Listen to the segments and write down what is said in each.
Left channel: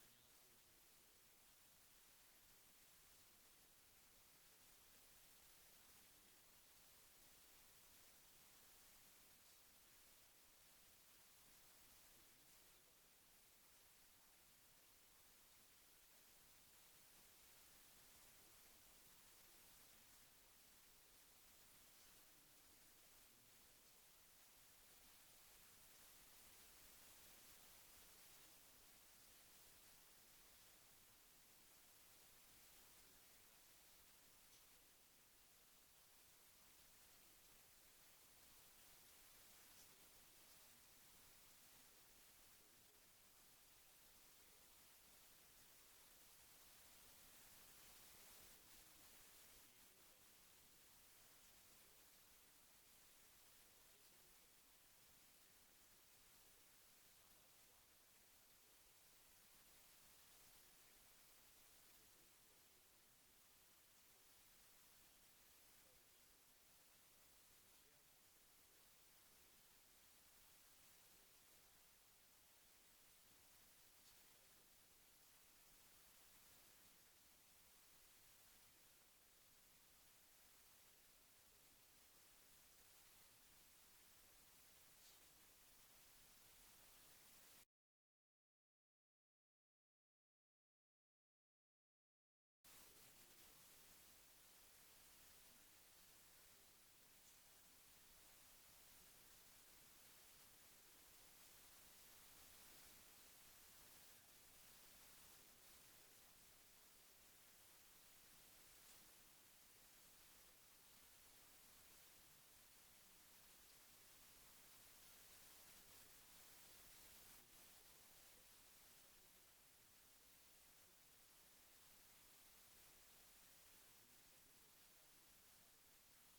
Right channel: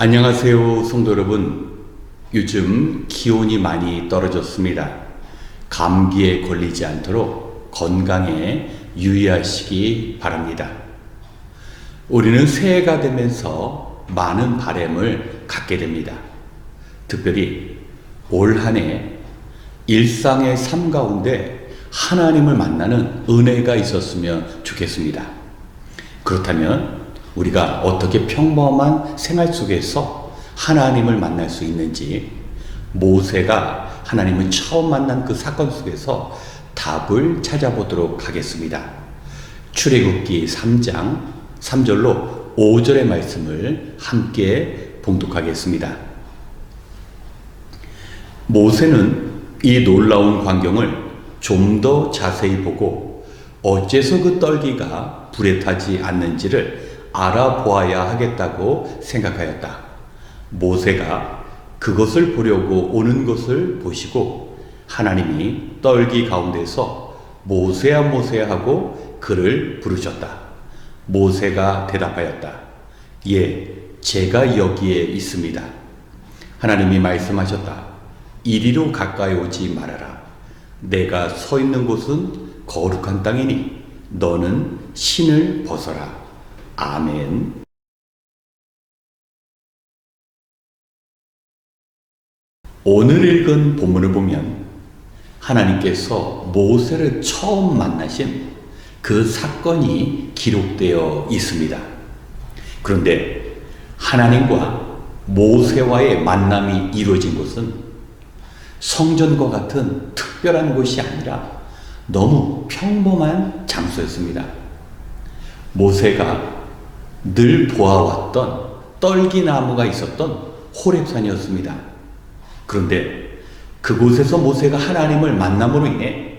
안녕하세요, 성도 여러분. 요즘 기온이 많이 떨어졌습니다. 감기에 걸리지 않도록 건강에 유의하시기 바랍니다. 우리는 새해가 되면서 많은 바람을 갖게 됩니다. 특별히 올 한 해 일상의 삶 가운데 하나님을 만나는 은혜가 있었으면 좋겠습니다. 그렇다면 우리가 어떻게 평범한 생활 속에서 하나님을 만날 수 있는지, 모세가 하나님을 처음 만난 그 사건 속에서 답을 찾아보도록 하겠습니다. 출애굽기 3장 3절로 5절의 말씀을 함께 봉독하겠습니다. 모세는 이 놀라운 광경을 좀 더 자세히 보고 어째서 그 떨기가 불에 타지 않는지를 알아보아야 하겠다고 생각하였다. 모세가 그것을 보려고 오는 것을 보시고 하나님이 떨기 가운데서 모세야 모세야 하고 그를 부르셨다. 모세가 대답하였다. 예, 제가 여기에 있습니다. 하나님이 말씀하셨다. 이리로 가까이 오지 말아라. 내가 서 있는 곳은 거룩한 땅이니 너는 신을 벗어라. 아멘. 오늘 읽은 본문을 보면 하나님께서 모세를 처음 만나신 그 사건이 기록되어 있습니다. 그런데 하나님과 모세와의 만남이 이루어진 곳은 성전과 같은 특별한 곳이 아니라 너무 평범한 장소였습니다. 모세가 늘 보아왔던 떨기나무가 있었던 호렙산이었습니다. 그런데 그곳에서 모세가 하나님을 만남으로 인해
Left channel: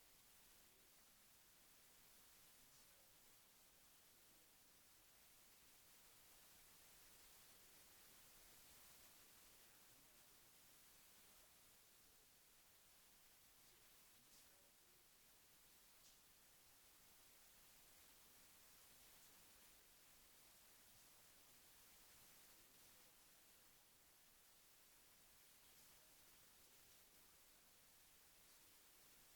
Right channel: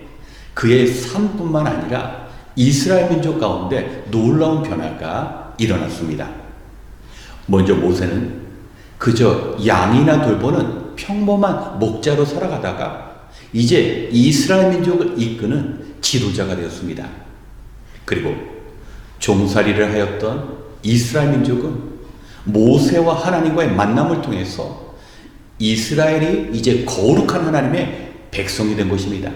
그의 삶뿐만 아니라 이스라엘 민족 가운데 놀라운 변화가 일어났습니다. 먼저 모세는 그저 양이나 돌보는 평범한 목자로 살아가다가 이제 이스라엘 민족을 이끄는 지도자가 되었습니다. 그리고 종살이를 하였던 이스라엘 민족은 모세와 하나님과의 만남을 통해서 이스라엘이 이제 거룩한 하나님의 백성이 된 것입니다.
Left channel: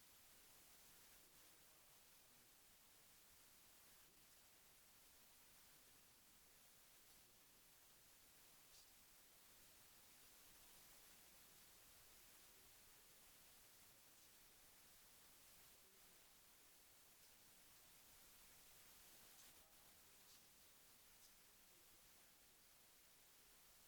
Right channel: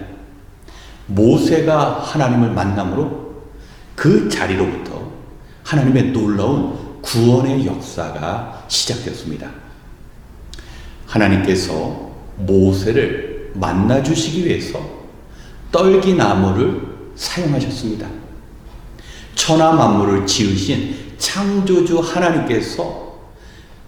모세가 하나님을 만남으로 그 자리로부터 하나님의 놀라운 구원의 역사가 시작되었습니다. 하나님께서 모세를 만나주시기 위해서 떨기나무를 사용하셨습니다. 천하 만물을 지으신 창조주 하나님께서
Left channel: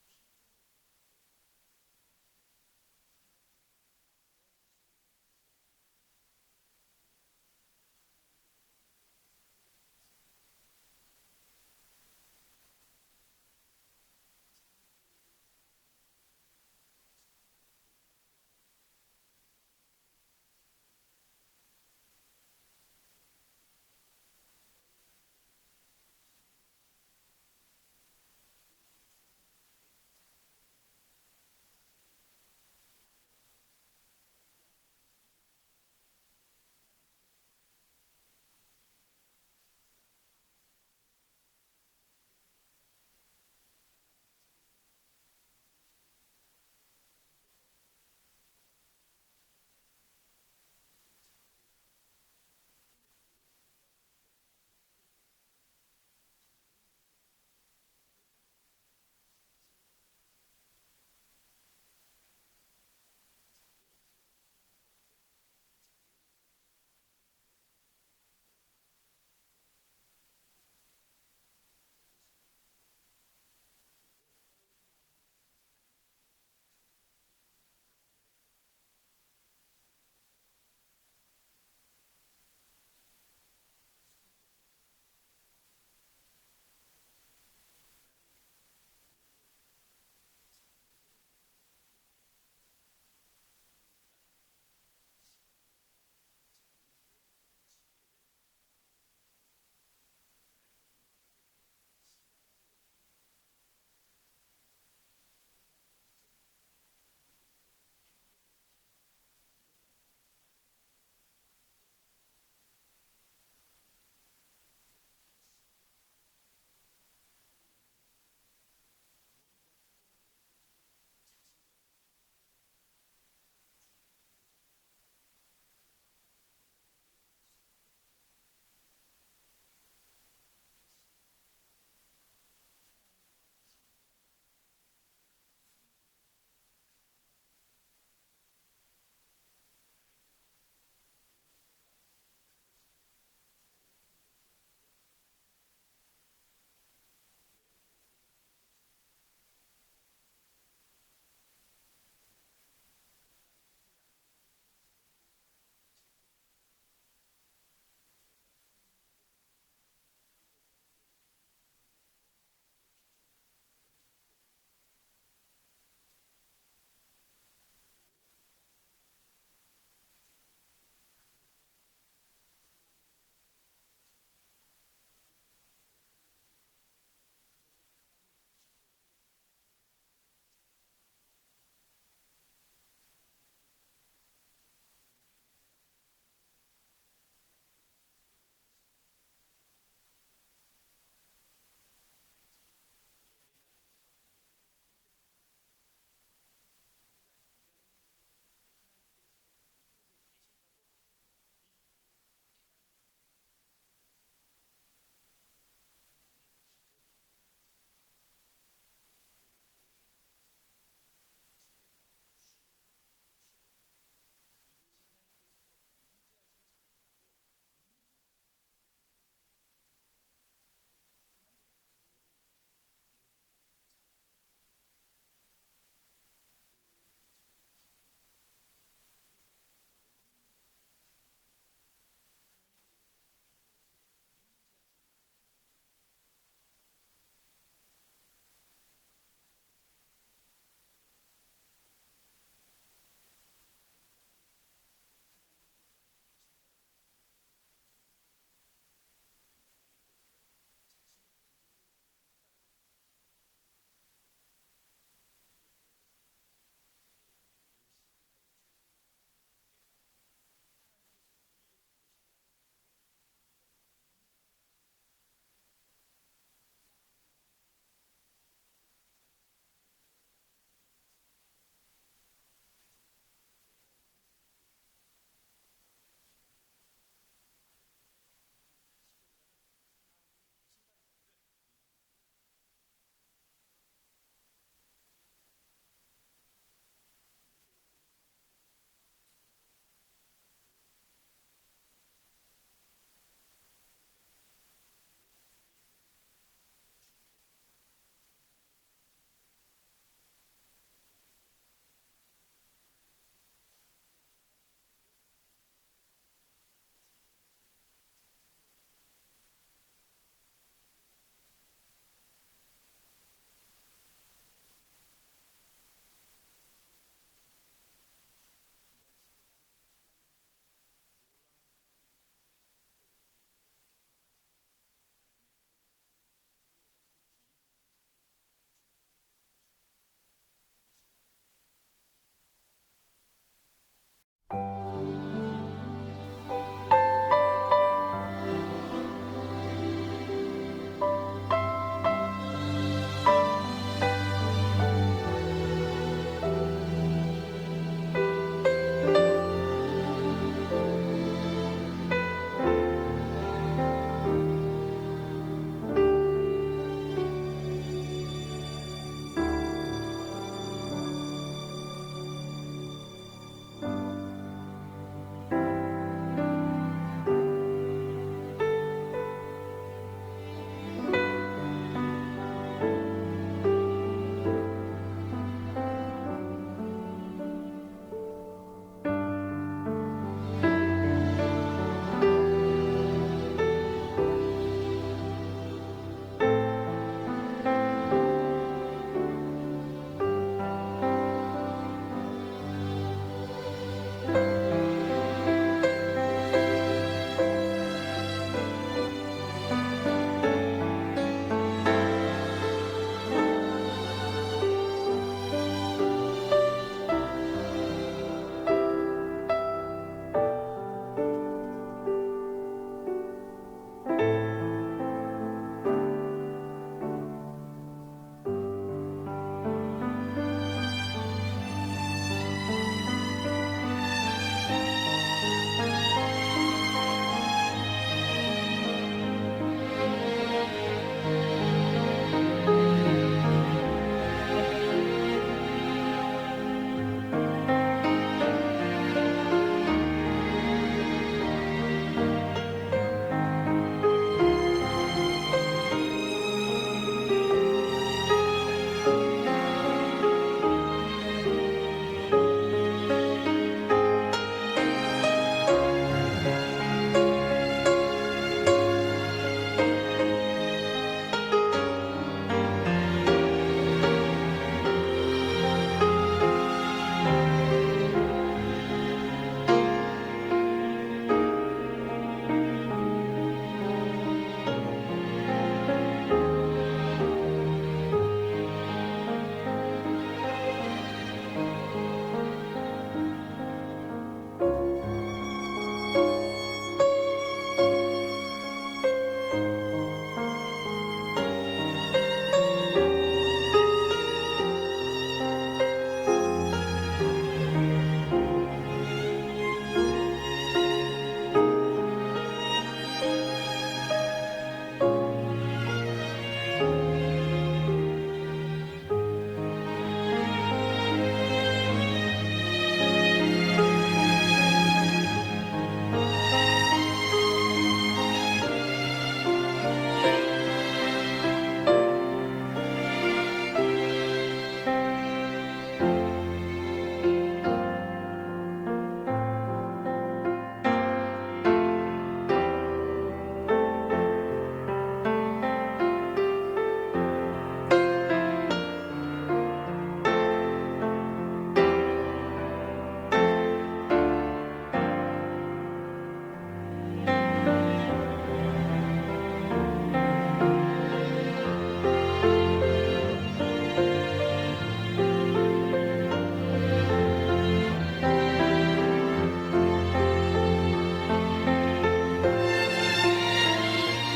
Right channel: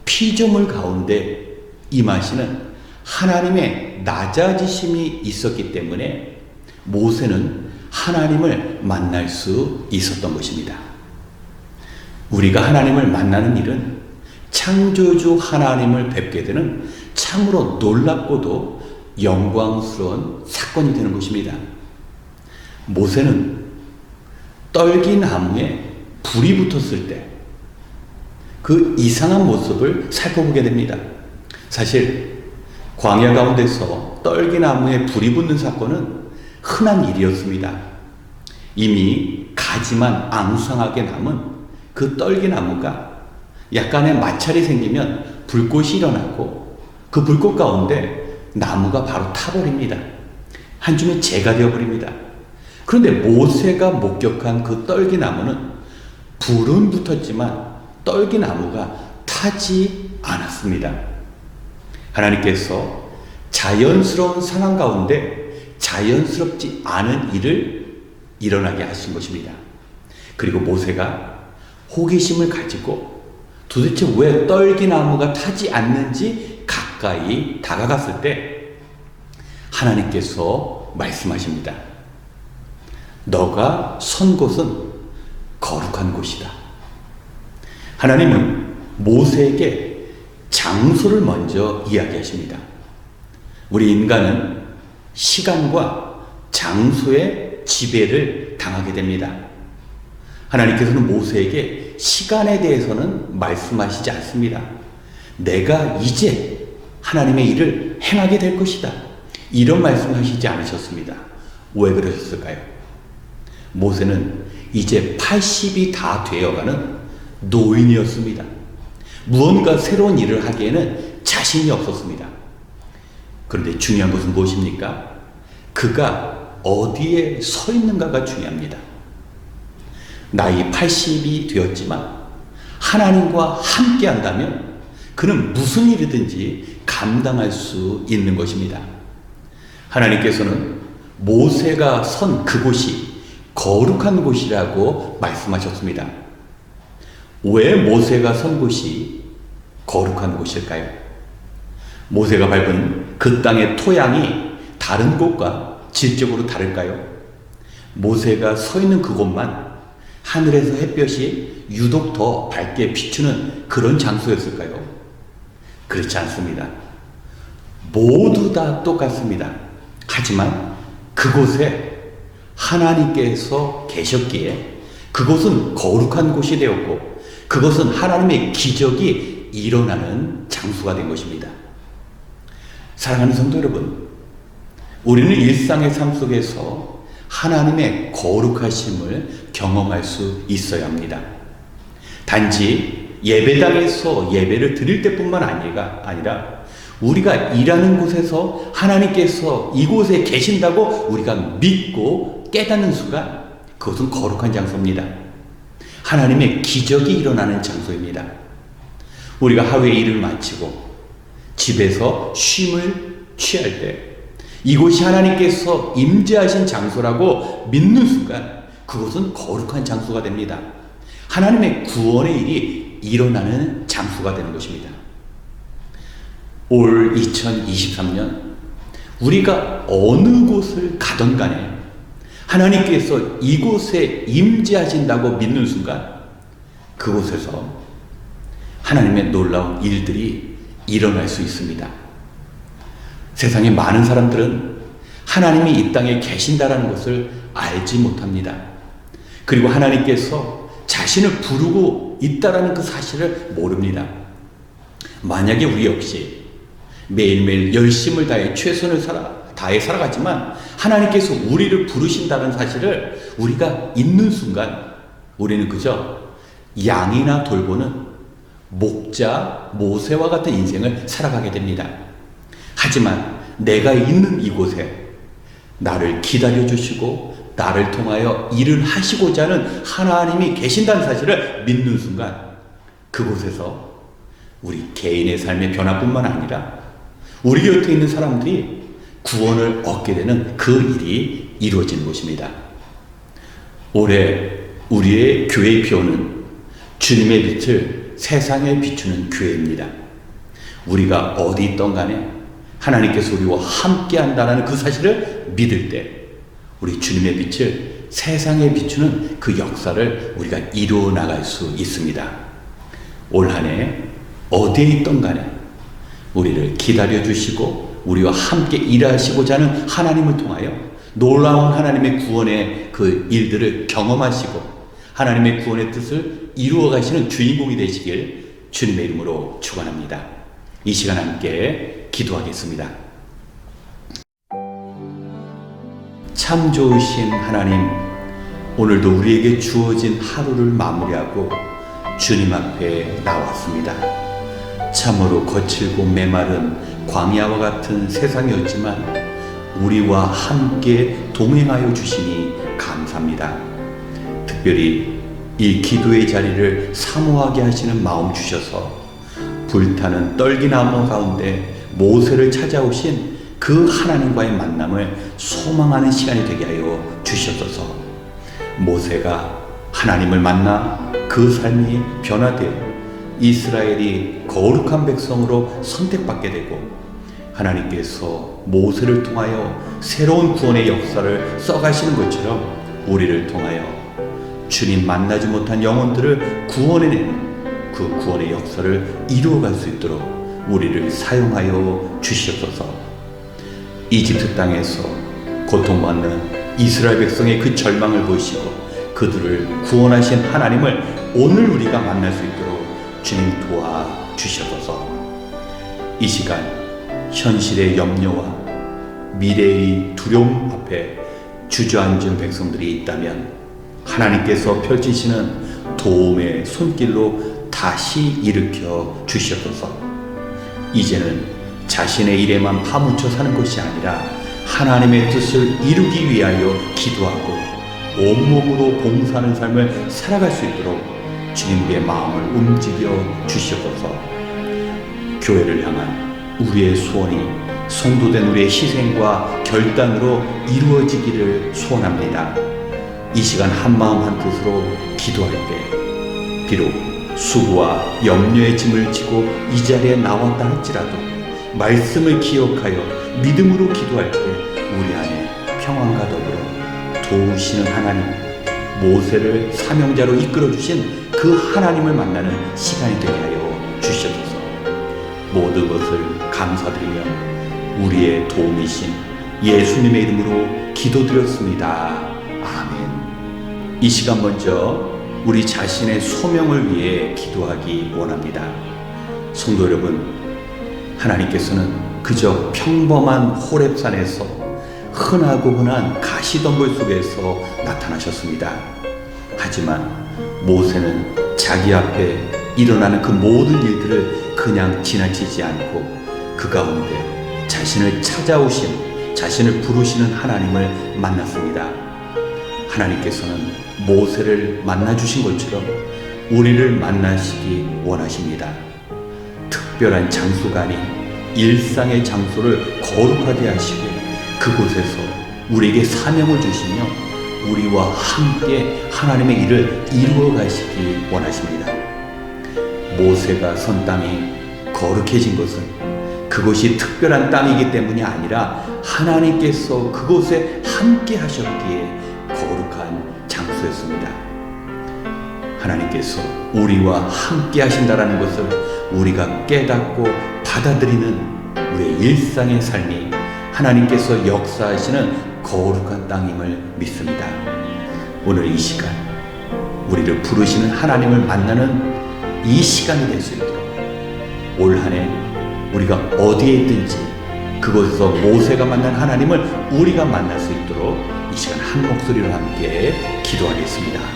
피조물 가운데 임하시는 하나님의 낮아지심이 있었기 때문에 모세는 하나님을 만날 수 있었던 것입니다. 우리가 하나님을 만나는 일은 창조주 하나님을 뵙게 되는 참으로 놀랍고도 영광스러운 사건이 되는 것입니다. 모세는 떨기나무에 불이 붙었을 때 그 이상한 모습을 살펴보게 됩니다. 사실 광야 가운데서 떨기나무에 불이 붙는 사건은 흔한 일이었습니다. 이미 가지만 앙상하게 남은 그 떨기나무가 약간의 마찰이 생기면 불꽃이 일어나고 그 불꽃 가운데 나무가 바로 타버립니다. 한 줌의 재가 되어버립니다. 그런데 모세가 목격한 그 떨기나무는 불은 붙었지만 떨기나무가 타지 않았습니다. 하나님께서 자연스러운 상황 가운데 자연스럽지 않은 일을 일어나게 하신 것입니다. 그리고 모세가 호기심을 가지고 도대체 왜 떨기나무가 타지 않는지 가까이 다가갔을 때 하나님께서 말씀하십니다. 너가 선 곳은 거룩한 곳이다. 하나님은 모세에게 장소를 먼저 이야기하십니다. 우리 인간은 시간과 장소의 지배를 당하게 됩니다. 하나님께서는 모세에게 시간에 대해서는 말씀하시지 않습니다. 내가 이제 하나님의 일을 행하게 될 것이다. 이런 말씀하시지 않으셨습니다. 왜 그러셨을까요? 모세는 이제 80이 다 되어가는 노인이었습니다. 무언가 새로운 일을 하기에는 자신이 없었습니다. 그런데 중요한 것은 무엇입니까? 그가 어디에 서 있는가가 중요합니다. 나이 80이 되었지만 하나님과 함께 한다면 그는 무슨 일이든지 감당할 수 있는 것입니다. 하나님께서는 모세가 선 그곳이 거룩한 곳이라고 말씀하셨습니다. 왜 모세가 선 곳이 거룩한 곳일까요? 모세가 밟은 그 땅의 토양이 다른 곳과 질적으로 다를까요? 모세가 서 있는 그곳만 하늘에서 햇볕이 유독 더 밝게 비추는 그런 장소였을까요? 그렇지 않습니다. 모두 다 똑같습니다. 하지만 그곳에 하나님께서 계셨기에 그곳은 거룩한 곳이 되었고 그것은 하나님의 기적이 일어나는 장소가 된 것입니다. 사랑하는 성도 여러분, 우리는 일상의 삶 속에서 하나님의 거룩하심을 경험할 수 있어야 합니다. 단지 예배당에서 예배를 드릴 때뿐만 아니라 우리가 일하는 곳에서 하나님께서 이곳에 계신다고 우리가 믿고 깨닫는 순간 그것은 거룩한 장소입니다. 하나님의 기적이 일어나는 장소입니다. 우리가 하루의 일을 마치고 집에서 쉼을 취할 때 이곳이 하나님께서 임재하신 장소라고 믿는 순간 그곳은 거룩한 장소가 됩니다. 하나님의 구원의 일이 일어나는 장소가 되는 것입니다. 올 2023년 우리가 어느 곳을 가든 간에 하나님께서 이곳에 임재하신다고 믿는 순간 그곳에서 하나님의 놀라운 일들이 일어날 수 있습니다. 세상에 많은 사람들은 하나님이 이 땅에 계신다라는 것을 알지 못합니다. 그리고 하나님께서 자신을 부르고 있다라는 그 사실을 모릅니다. 만약에 우리 역시 매일매일 열심을 다해 최선을 다해 살아갔지만 하나님께서 우리를 부르신다는 사실을 우리가 잊는 순간 우리는 그저 양이나 돌보는 목자 모세와 같은 인생을 살아가게 됩니다. 하지만 내가 있는 이곳에 나를 기다려주시고 나를 통하여 일을 하시고자 하는 하나님이 계신다는 사실을 믿는 순간 그곳에서 우리 개인의 삶의 변화뿐만 아니라 우리 곁에 있는 사람들이 구원을 얻게 되는 그 일이 이루어지는 것입니다. 올해 우리의 교회의 표어는 주님의 빛을 세상에 비추는 교회입니다. 우리가 어디 있던 간에 하나님께서 우리와 함께 한다는 그 사실을 믿을 때 우리 주님의 빛을 세상에 비추는 그 역사를 우리가 이루어 나갈 수 있습니다. 올 한 해 어디에 있던 간에 우리를 기다려 주시고 우리와 함께 일하시고자 하는 하나님을 통하여 놀라운 하나님의 구원의 그 일들을 경험하시고 하나님의 구원의 뜻을 이루어 가시는 주인공이 되시길 주님의 이름으로 축원합니다. 이 시간 함께 기도하겠습니다. 참 좋으신 하나님, 오늘도 우리에게 주어진 하루를 마무리하고 주님 앞에 나왔습니다. 참으로 거칠고 메마른 광야와 같은 세상이었지만 우리와 함께 동행하여 주시니 감사합니다. 특별히 이 기도의 자리를 사모하게 하시는 마음 주셔서 불타는 떨기나무 가운데 모세를 찾아오신 그 하나님과의 만남을 소망하는 시간이 되게 하여 주시옵소서. 모세가 하나님을 만나 그 삶이 변화되어 이스라엘이 거룩한 백성으로 선택받게 되고 하나님께서 모세를 통하여 새로운 구원의 역사를 써가시는 것처럼 우리를 통하여 주님 만나지 못한 영혼들을 구원해내는 그 구원의 역사를 이루어갈 수 있도록 우리를 사용하여 주시옵소서. 이집트 땅에서 고통받는 이스라엘 백성의 그 절망을 보시고 그들을 구원하신 하나님을 오늘 우리가 만날 수 있도록 주님 도와주셔서 이 시간 현실의 염려와 미래의 두려움 앞에 주저앉은 백성들이 있다면 하나님께서 펼치시는 도움의 손길로 다시 일으켜 주시옵소서. 이제는 자신의 일에만 파묻혀 사는 것이 아니라 하나님의 뜻을 이루기 위하여 기도하고 온몸으로 봉사하는 삶을 살아갈 수 있도록 주님의 마음을 움직여 주시옵소서. 교회를 향한 우리의 소원이 성도된 우리의 희생과 결단으로 이루어지기를 소원합니다. 이 시간 한마음 한뜻으로 기도할 때 비록 수고와 염려의 짐을 지고 이 자리에 나왔다 할지라도 말씀을 기억하여 믿음으로 기도할 때 우리 안에 평안과 더불어 도우시는 하나님, 모세를 사명자로 이끌어주신 그 하나님을 만나는 시간이 되게 하여 주시옵소서. 모든 것을 감사드리며 우리의 도움이신 예수님의 이름으로 기도드렸습니다. 아멘. 이 시간 먼저 우리 자신의 소명을 위해 기도하기 원합니다. 성도 여러분, 하나님께서는 그저 평범한 호렙산에서 흔하고 흔한 가시덤불 속에서 나타나셨습니다. 하지만 모세는 자기 앞에 일어나는 그 모든 일들을 그냥 지나치지 않고 그 가운데 자신을 찾아오신, 자신을 부르시는 하나님을 만났습니다. 하나님께서는 모세를 만나주신 것처럼 우리를 만나시기 원하십니다. 특별한 장소가 아닌 일상의 장소를 거룩하게 하시고 그곳에서 우리에게 사명을 주시며 우리와 함께 하나님의 일을 이루어 가시기 원하십니다. 모세가 선 땅이 거룩해진 것은 그것이 특별한 땅이기 때문이 아니라 하나님께서 그곳에 함께 하셨기에 거룩한 장소였습니다. 하나님께서 우리와 함께 하신다라는 것을 우리가 깨닫고 받아들이는 우리의 일상의 삶이 하나님께서 역사하시는 거룩한 땅임을 믿습니다. 오늘 이 시간 우리를 부르시는 하나님을 만나는 이 시간이 될 수 있도록 올 한 해 우리가 어디에 있든지 그곳에서 모세가 만난 하나님을 우리가 만날 수 있도록 이 시간 한 목소리로 함께 기도하겠습니다.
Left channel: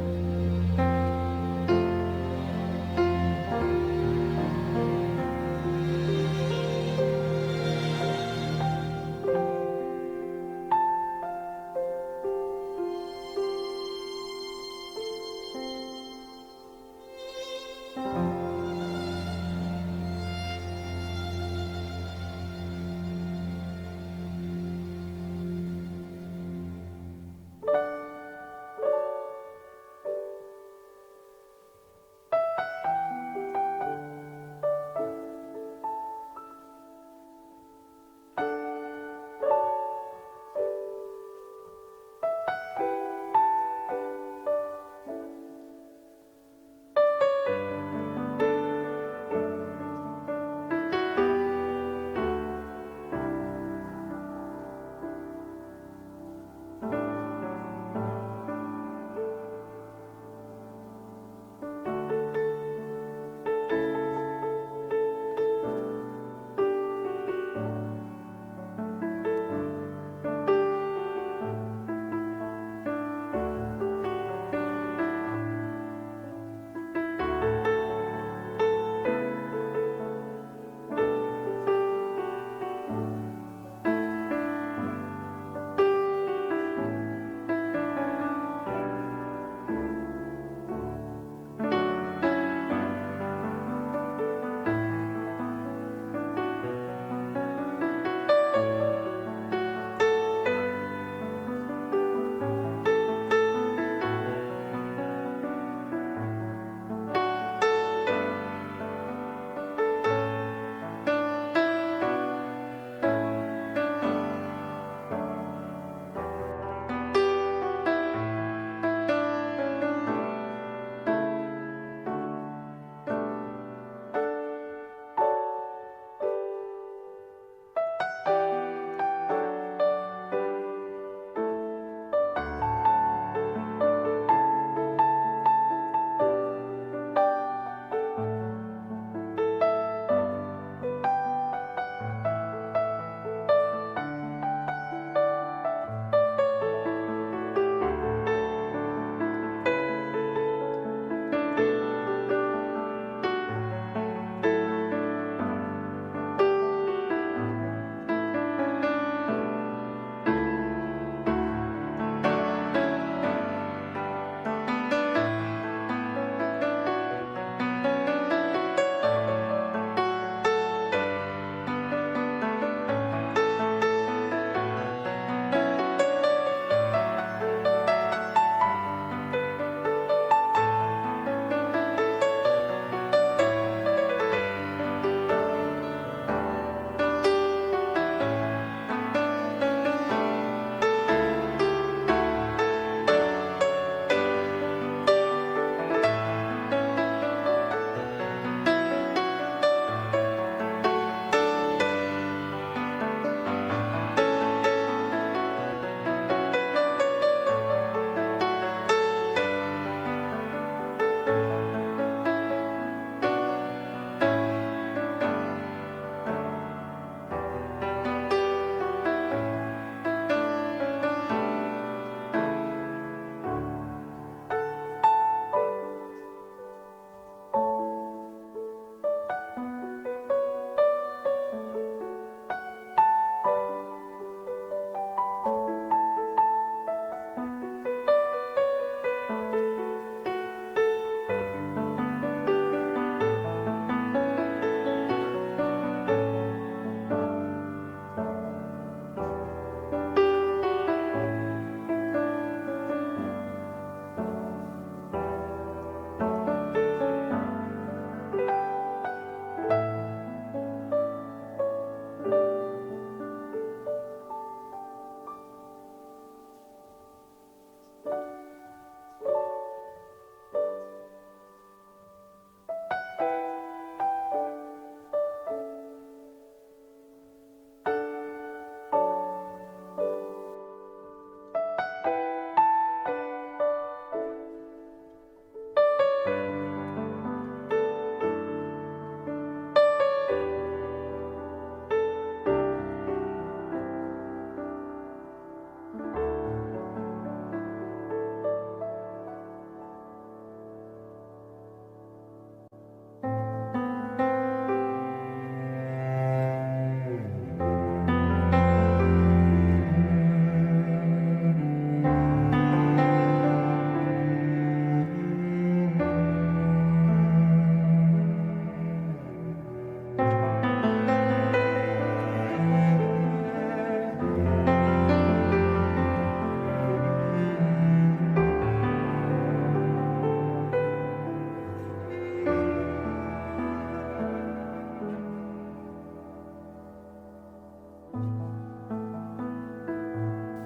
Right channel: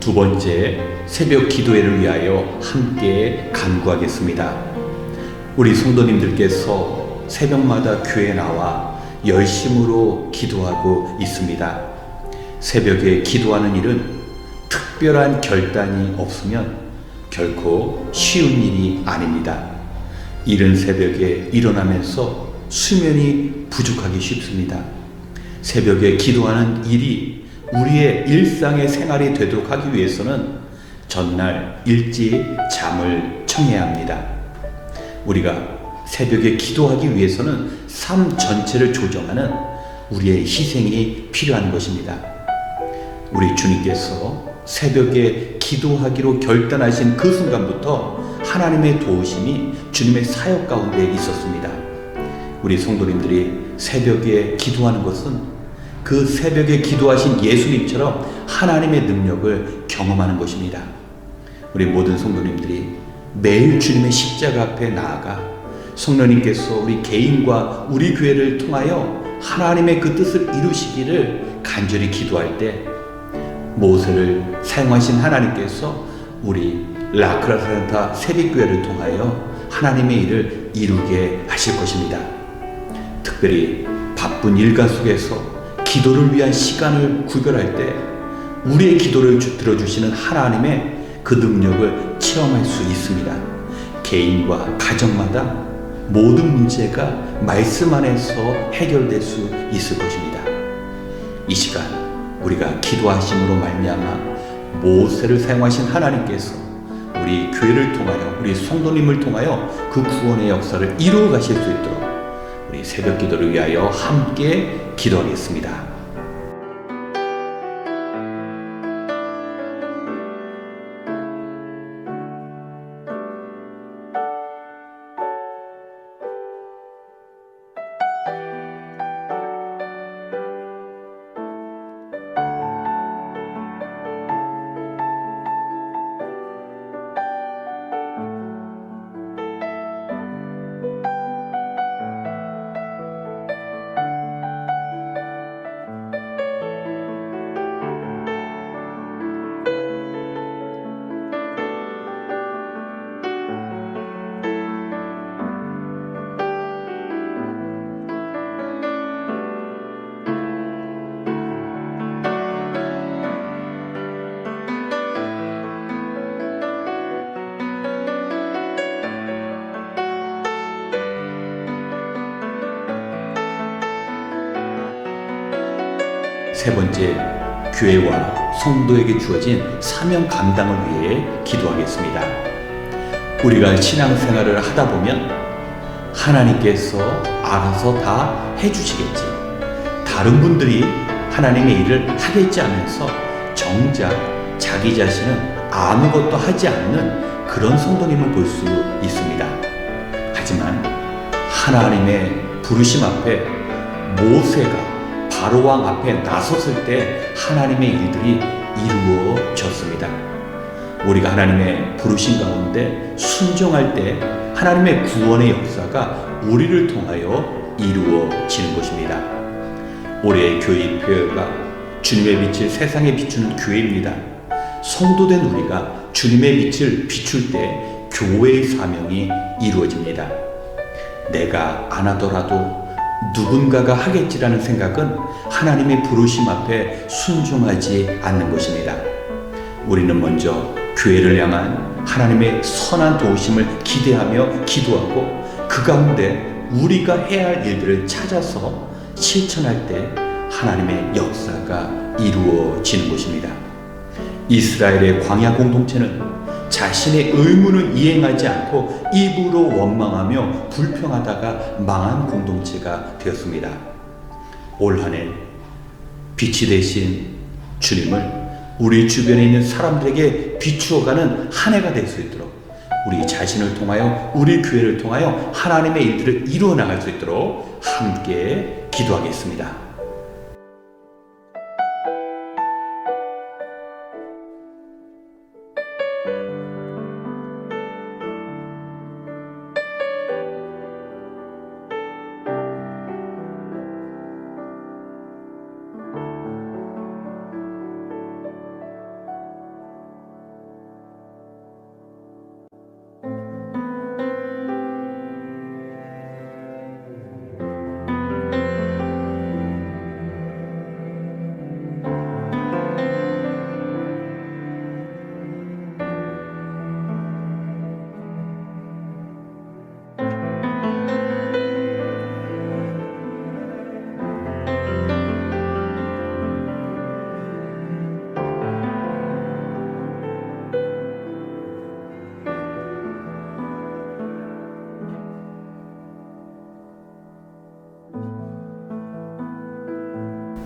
두 번째 새벽 기도회를 위하여 함께 간구하겠습니다. 우리 성도님들께서 새벽마다 교회에 나와 열심으로 기도하고 있습니다. 새벽에 기도하는 일은 특별한 결단이 없으면 결코 쉬운 일이 아닙니다. 이른 새벽에 일어나면서 수면이 부족하기 쉽습니다. 새벽에 기도하는 일이 우리의 일상의 생활이 되도록 하기 위해서는 전날 일찍 잠을 청해야 합니다. 우리가 새벽에 기도하기 위해서는 삶 전체를 조정하는 우리의 희생이 필요한 것입니다. 우리 주님께서 새벽에 기도하기로 결단하신 그 순간부터 하나님의 도우심이 주님의 사역 가운데 있었습니다. 우리 성도님들이 새벽에 기도하는 것은 그 새벽에 기도하신 예수님처럼 하나님의 능력을 경험하는 것입니다. 우리 모든 성도님들이 매일 주님의 십자가 앞에 나아가 성령님께서 우리 개인과 우리 교회를 통하여 하나님의 그 뜻을 이루시기를 간절히 기도할 때 모세를 사용하신 하나님께서 우리 라크라센타 새벽교회를 통하여 하나님의 일을 이루게 하실 것입니다. 특별히 바쁜 일과 속에서 기도를 위한 시간을 구별할 때 우리의 기도를 들어주시는 하나님의 그 능력을 체험할 수 있습니다. 개인과 가정마다 모든 문제가 말씀 안에서 해결될 수 있을 것입니다. 이 시간 우리가 기도하심으로 말미암아 모세를 사용하신 하나님께서 우리 교회를 통하여, 우리 성도님을 통하여 그 구원의 역사를 이루어 가실 수 있도록 우리 새벽 기도를 위하여 함께 기도하겠습니다. 세 번째, 교회와 성도에게 주어진 사명 감당을 위해 기도하겠습니다. 우리가 신앙생활을 하다 보면 하나님께서 알아서 다 해주시겠지, 다른 분들이 하나님의 일을 하겠지 하면서 정작 자기 자신은 아무것도 하지 않는 그런 성도님을 볼 수 있습니다. 하지만 하나님의 부르심 앞에 모세가 바로왕 앞에 나섰을 때 하나님의 일들이 이루어졌습니다. 우리가 하나님의 부르심 가운데 순종할 때 하나님의 구원의 역사가 우리를 통하여 이루어지는 것입니다. 올해의 교회 표어가 주님의 빛을 세상에 비추는 교회입니다. 성도된 우리가 주님의 빛을 비출 때 교회의 사명이 이루어집니다. 내가 안 하더라도 누군가가 하겠지라는 생각은 하나님의 부르심 앞에 순종하지 않는 것입니다. 우리는 먼저 교회를 향한 하나님의 선한 도우심을 기대하며 기도하고 그 가운데 우리가 해야 할 일들을 찾아서 실천할 때 하나님의 역사가 이루어지는 것입니다. 이스라엘의 광야 공동체는 자신의 의무를 이행하지 않고 입으로 원망하며 불평하다가 망한 공동체가 되었습니다. 올 한 해 빛이 되신 주님을 우리 주변에 있는 사람들에게 비추어가는 한 해가 될 수 있도록 우리 자신을 통하여, 우리 교회를 통하여 하나님의 일들을 이루어 나갈 수 있도록 함께 기도하겠습니다.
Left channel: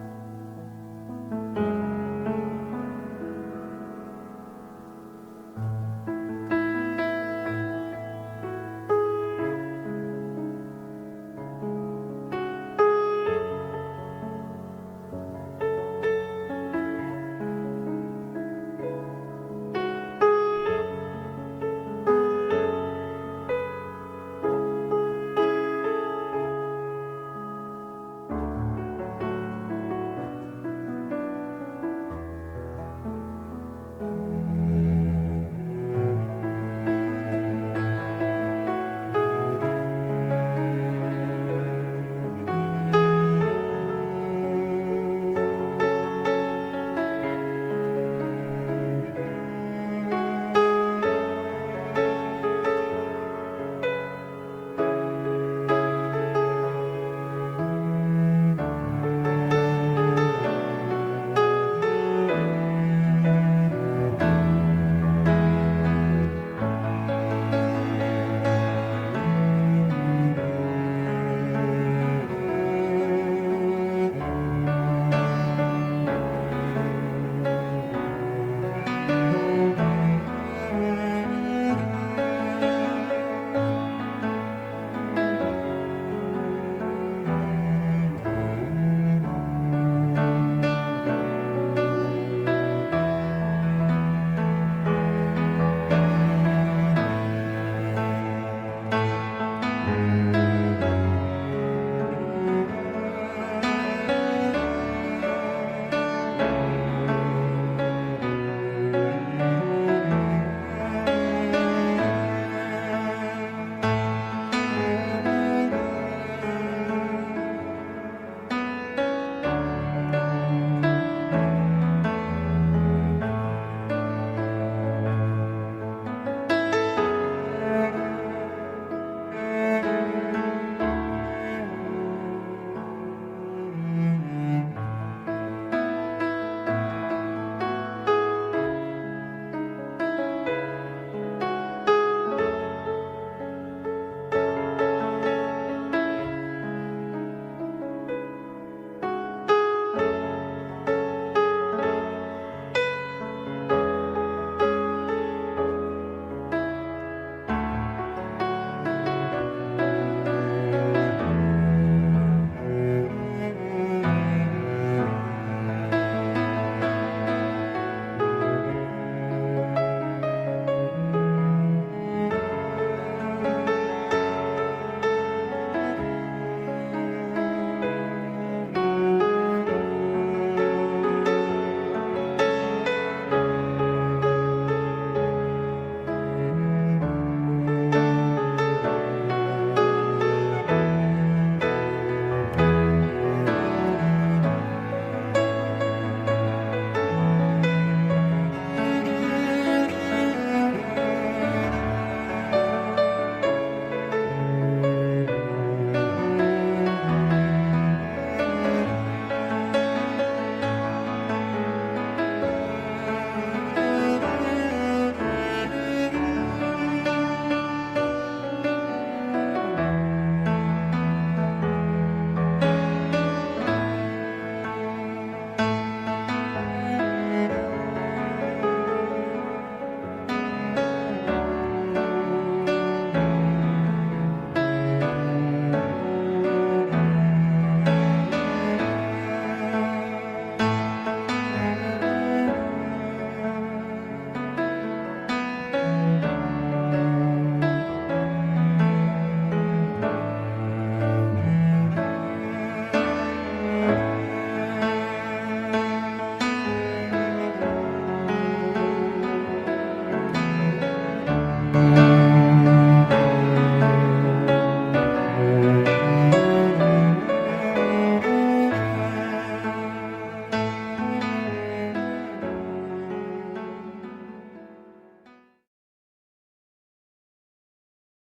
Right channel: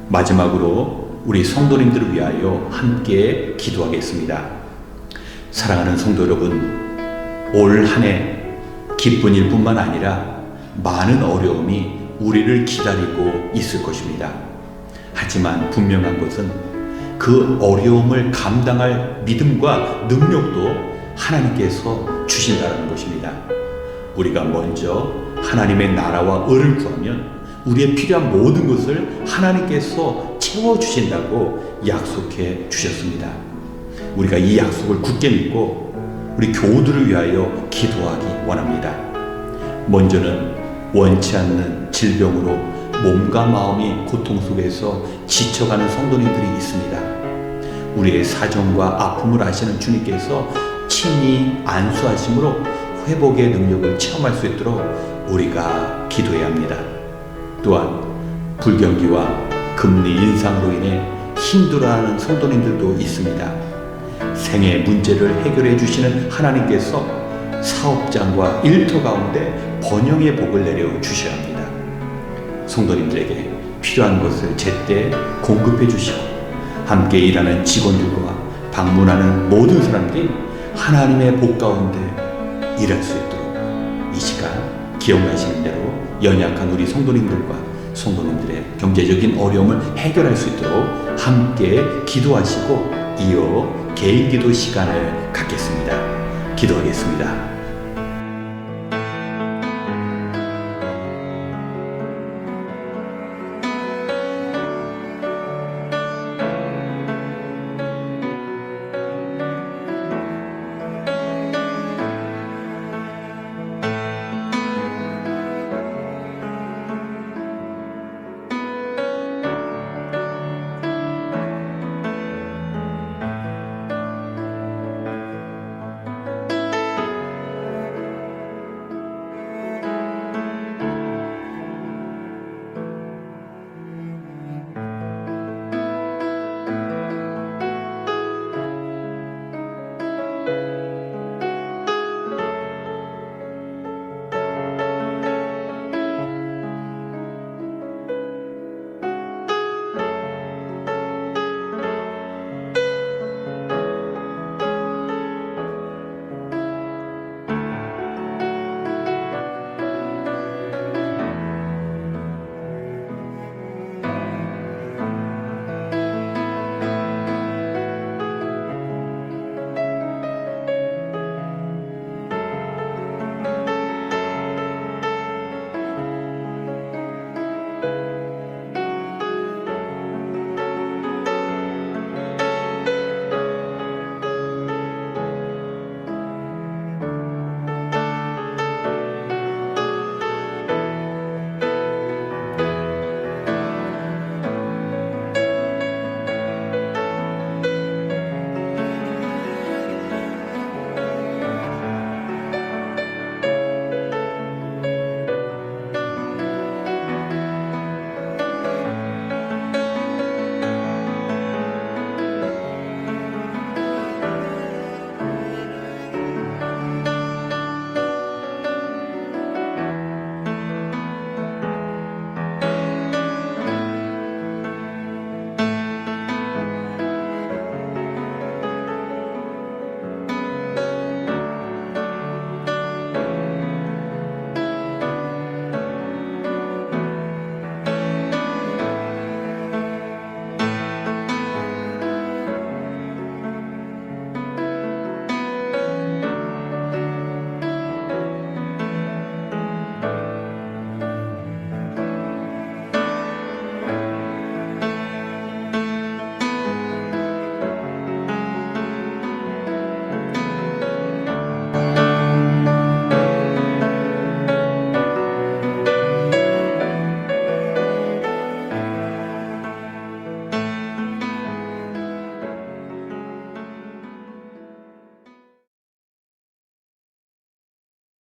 마지막으로 우리 성도님들을 위하여 함께 기도하겠습니다. 사랑하는 성도 여러분, 올 한 해 기쁜 일뿐만 아니라 많은 어려움이 우리를 기다리고 있을 것입니다. 하지만 분명한 것은 그 어려움을 감당할 믿음과 능력도 하나님께서 주신다는 것입니다. 우리가 먼저 하나님의 나라와 의를 구하면 우리의 필요한 모든 것을 하나님께서 채워주신다고 약속해 주셨습니다. 우리가 이 약속을 굳게 믿고 우리 교우들을 위하여 기도하기 원합니다. 먼저는 원치 않는 질병으로 몸과 마음이 고통 속에서 지쳐가는 성도님들이 있습니다. 우리의 사정과 아픔을 아시는 주님께서 친히 안수하심으로 회복의 능력을 체험할 수 있도록 우리가 기도해야 합니다. 또한 불경기와 금리 인상으로 인해 힘들어하는 성도님들도 있습니다. 생애 문제를 해결해 주시는 하나님께서 사업장과 일터 가운데 번영의 복을 내려 주셔야 합니다. 성도님들에게 필요한 것을 제때 공급해 주시고 함께 일하는 직원들과 방문하는 모든 사람들이 하나님의 복 가운데 일할 수 있도록 이 시간 기억나시는 대로 연약한 우리 성도님들과 성도님들의 경제적인 어려움을 해결할 수 있도록 함께 기도하시고 이어 개인 기도 시간을 갖겠습니다. 기도하겠습니다.